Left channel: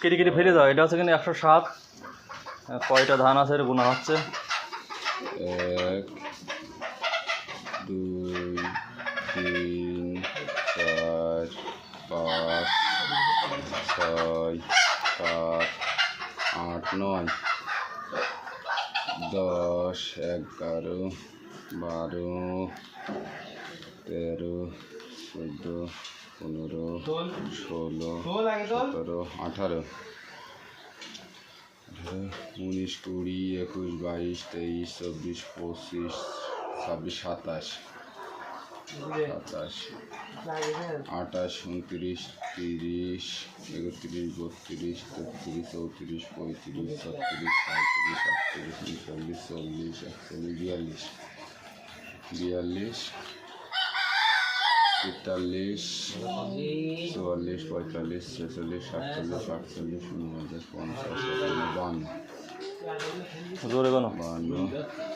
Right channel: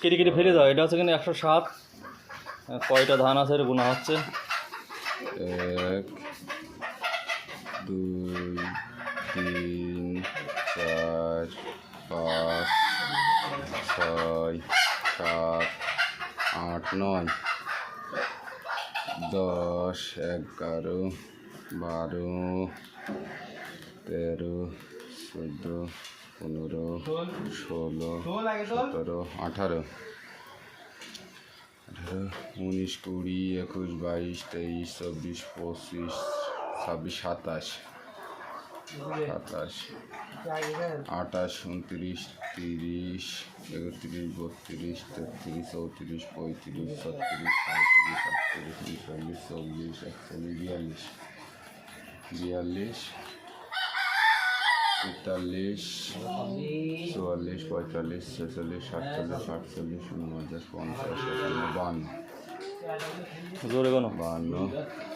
কেটে কেটে ফেলে দাও। এটা হচ্ছে কিন্তু একশো সাত। কয়টা ধান আছে গোনা হচ্ছে। এক, দুই, তিন, চার, পাঁচ, ছয়, সাত, আট, নয়, দশ, এগারো, বারো, তেরো, চোদ্দ পনেরো ষোলো সতেরো আঠারো। আঠারো উনিশ কুড়ি একুশ বাইশ তেইশ চব্বিশ পঁচিশ ছাব্বিশ সাতাশ। সাতাশ। আঠাশ উনত্রিশ তিরিশ একত্রিশ বত্রিশ তেত্রিশ চৌত্রিশ পঁয়ত্রিশ ছত্রিশ সাঁত্রিশ আটত্রিশ উনচল্লিশ চল্লিশ একচল্লিশ বিয়াল্লিশ। বিয়াল্লিশ। তেতাল্লিশ চুয়াল্লিশ পঁয়তাল্লিশ ছেচল্লিশ সাতচল্লিশ আটচল্লিশ উনপঞ্চাশ পঞ্চাশ বান্ন জোরে কোনো বান্ন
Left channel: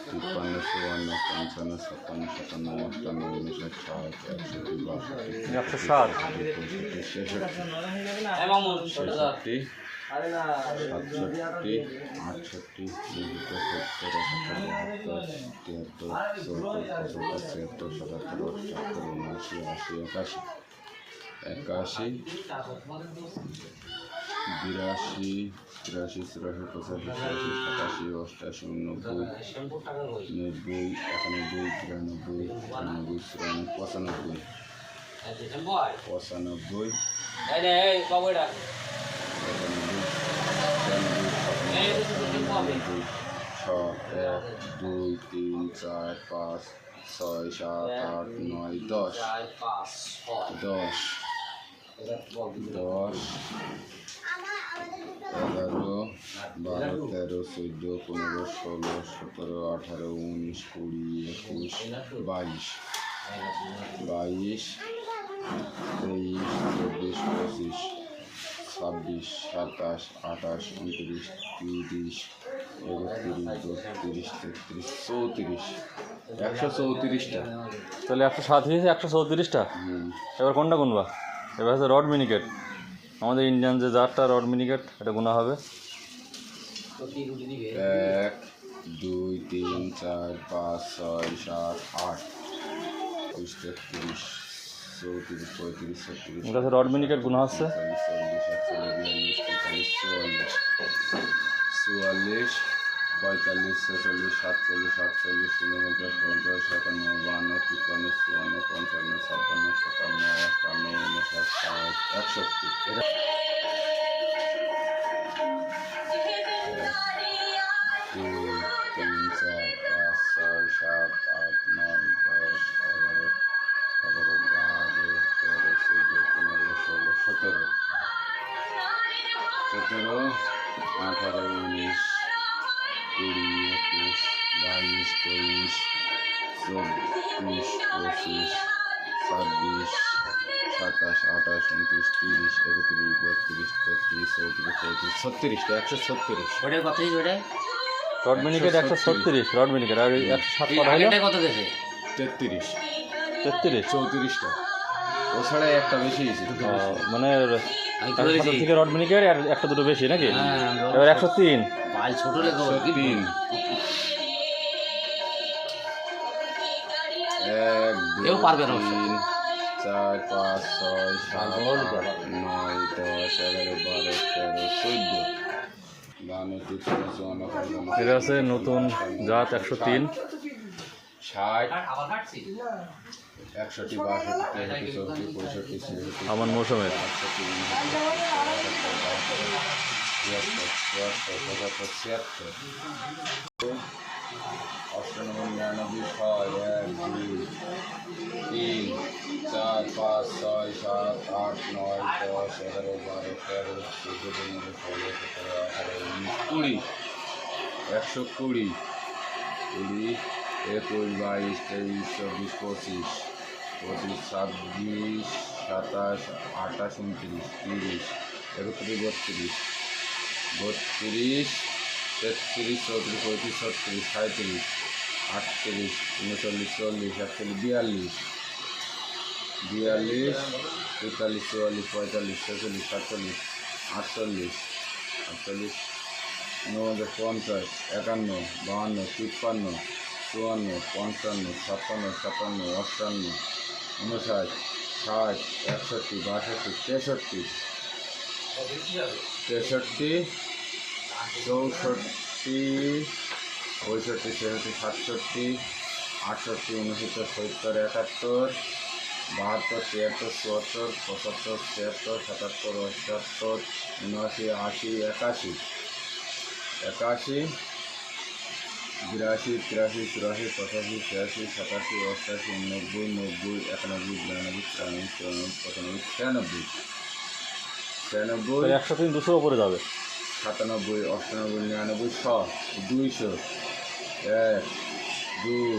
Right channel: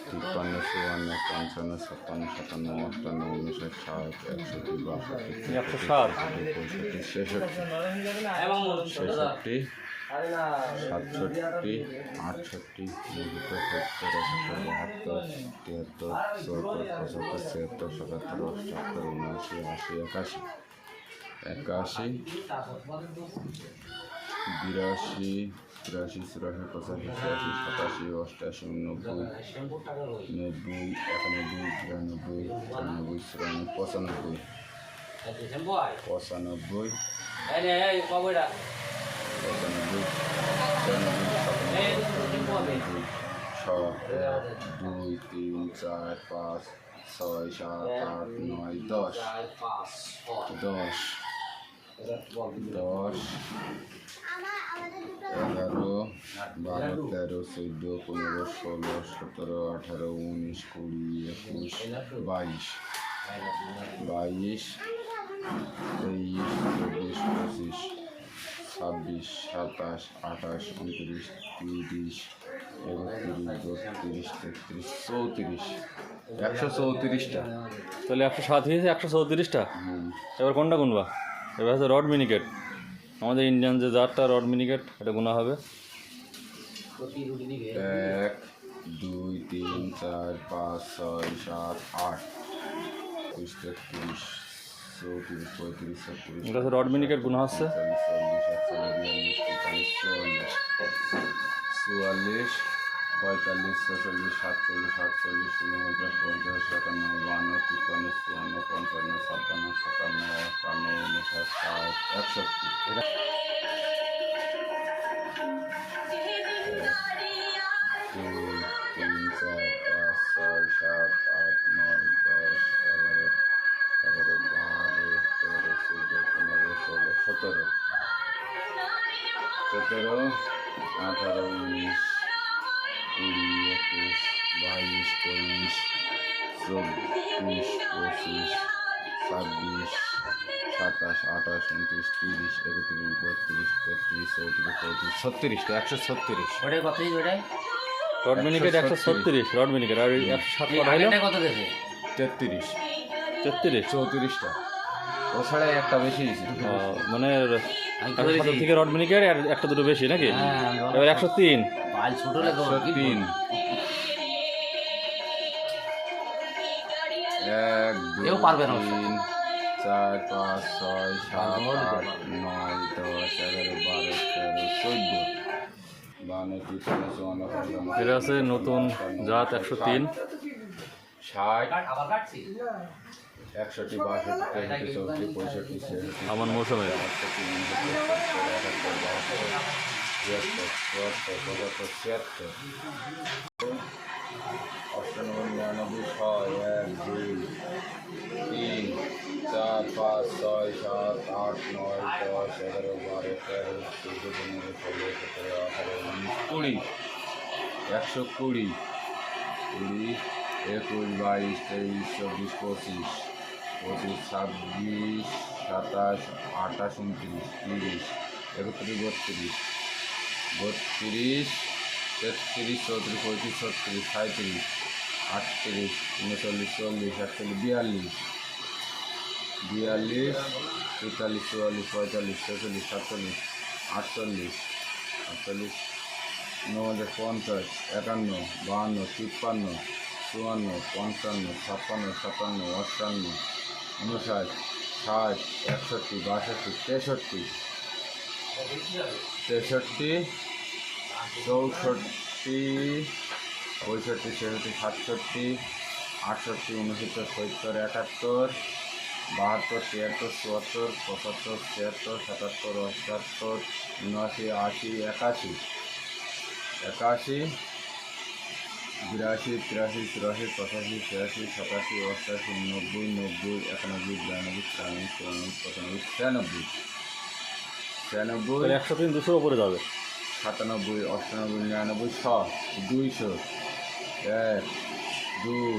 তিপ্পান্ন চুয়ান্ন পঞ্চান্ন ছাপ্পান্ন সাতান্ন আটান্ন উনষাট ষাট একষট্টি বাষট্টি একশো সাত তেষট্টি ছেষট্টি সাতষট্টি আটষট্টি নব্বই সত্তর তিয়াত্তর চৌত্তর পঁচাত্তর ছিয়াত্তর সাতাত্তর উনআশি আশি একাশি একাশি বিরাশি, তিরাশি, চুরাশি, পঁচাশি ছিয়াশি সাতাশি, অষ্টাশি উনব্বই নব্বই, একানব্বই তিরানব্বই চুরানব্বই চুরানব্বই, পঁচানব্বই। পঁচানব্বই দুই, তিন, চার, পাঁচ, ছয়, সাত, আট, নয়, দশ। দশ। দশ এগারো বারো তেরো চোদ্দ পনেরো ষোলো সতেরো আঠারো উনিশ কুড়ি একুশ বাইশ। বাইশ তেইশ চব্বিশ পঁচিশ ছাব্বিশ সাতাশ আঠাশ উনত্রিশ তিরিশ একত্রিশ বত্রিশ তেত্রিশ চৌত্রিশ। একশো চৌত্রিশটা। তাহলে একশো সাত হয়েছে একশো চৌত্রিশটা? এবার কোনটা গুনবা? এবার হচ্ছে রড মিনিকেট। আমাদের ইন্ডিয়ান যে জারটা রড মিনিকেট এটা গোনা হবে। এক দুই তিন চার পাঁচ ছয় সাত আট একুশ তেত্রিশ চৌত্রিশ পঁয়ত্রিশ ছত্রিশ এটা হচ্ছে রড মিনিকেট গোনা হচ্ছে। চুয়াল্লিশ পঁয়তাল্লিশ, ছেচল্লিশ, সাতচল্লিশ, আটচল্লিশ, ঊনপঞ্চাশ, পঞ্চাশ একান্ন বান্ন, তিপ্পান্ন, চুয়ান্ন, পঞ্চান্ন, ছাপ্পান্ন, সাতান্ন, আটান্ন উনষাট ষাট, একষট্টি। দুই, তিন, চার, পাঁচ, ছয়, সাত, আট, নয়, দশ, এগারো এগারো, বারো, তেরো, চৌদ্দ, পনেরো, ষোলো, সতেরো। সতেরো, আঠারো, উনিশ কুড়ি একুশ বাইশ তেইশ চব্বিশ পঁচিশ ছাব্বিশ সাতাশ আঠাশ উনত্রিশ তিরিশ একত্রিশ বত্রিশ তেত্রিশ চৌত্রিশ পঁয়ত্রিশ ছত্রিশটা একশো ছত্রিশ ওটাই হয়েছে ওটাই রড মিনিকেট একশো ছত্রিশ রড মিনিকেট আর একশো সাত কটা হলো? কত গেছে? তেত্রিশ। তেত্রিশ? চৌত্রিশটা। ও ছাড়াই একটা বেশি মানে থেকে রড মিনিকেট আর একটা দুটো বেশি নাকি? হ্যাঁ, এবার একশো তিন। পাল ছোট লেগে একশো তিন এক কেউ পারবে না। তিন চার পাঁচ ছয় সাত নয় দশ এগারো বারো তেরো চোদ্দ। এটা আছে নতুন জাত একশো তিন। আমার মৌসুমের। তিয়াত্তর চুয়াত্তর পঁচাত্তর ছিয়াত্তর অষ্টানব্বই নিরানব্বই ছয় এক দুই তিন চার পাঁচ ছয় সাত আট নয় দশ এগারো বারো তেরো চোদ্দ পনেরো ষোলো সতেরো আঠারো উনিশ কুড়ি, একশো কুড়ি কুড়ি, একুশ, বাইশ, তেইশ, চব্বিশ, পঁচিশ পঁচিশ, ছাব্বিশ, সাতাশ, আঠাশ, উনত্রিশ, তিরিশ, একত্রিশ, বত্রিশ বত্রিশ তেত্রিশ, চৌত্রিশ, পঁয়ত্রিশ, ছত্রিশ সাঁত্রিশ আটত্রিশ, উনচল্লিশ চল্লিশ একচল্লিশ, বিয়াল্লিশ। বিয়াল্লিশ তেতাল্লিশ চুয়াল্লিশ, পঁয়তাল্লিশ, ছেচল্লিশ, সাতচল্লিশ, আটচল্লিশ আটচল্লিশ, ঊনপঞ্চাশ, পঞ্চাশ, একান্ন, বাহান্ন, তিপ্পান্ন, চুয়ান্ন, পঞ্চান্ন, ছাপ্পান্ন সাতান্ন অষ্টান্ন উনষাট ষাট, একষট্টি, বাষট্টি, তেষট্টি তেষট্টি, চৌষট্টি, পঁয়ষট্টি, ছেষট্টি, সাতষট্টি, আটষট্টি, উনসত্তর, সত্তর, একাত্তর, বাহাত্তর তিয়াত্তর চুয়াত্তর, পঁচাত্তর, ছিয়াত্তর, সাতাত্তর অষ্টাত্তর উনআশি, আশি, একাশি। একাশি, বিরাশি, তিরাশি, চুরাশি, পঁচাশি, ছিয়াশি, সাতাশি, অষ্টাশি নব্বই নব্বই, একানব্বই, বিরানব্বই, তিরানব্বই, চুরানব্বই, পঁচানব্বই, ছিয়ানব্বই। ছিয়ানব্বই একশো তিন দুশোর ওপরে যাবে। সাতানব্বই অষ্টানব্বই নিরানব্বই ছ দুইশো এক দুই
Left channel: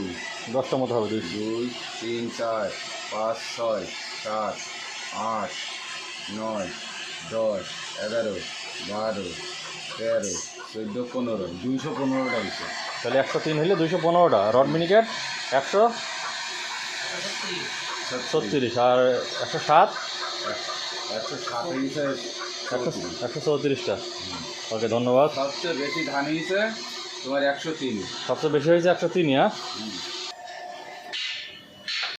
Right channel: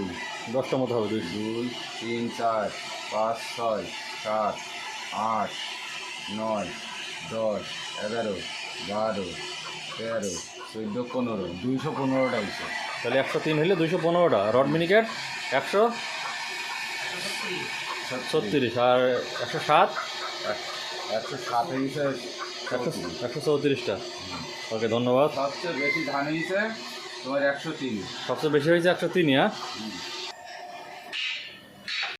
দশটা মতো হবে দুইশো। দুই তিন চার পাঁচ ছয় সাত আট নয় দশ এগারো বারো তেরো চোদ্দ পনেরো দুইশো পনেরোটা হয়েছে। তাহলে একশো তিন হলে দুইশো পনেরোটা। রড মিনিকেট একশো ছত্রিশ। আর একশো সাত? একশো সাত হয়েছে একশো একশো চৌত্রিশটা। ওকে ধন্যবাদ। সবচেয়ে বেশি ধান হয়েছে তোমার একশো তিন। সবচেয়ে বেশি হয়েছে একশো তিনই হ্যাঁ।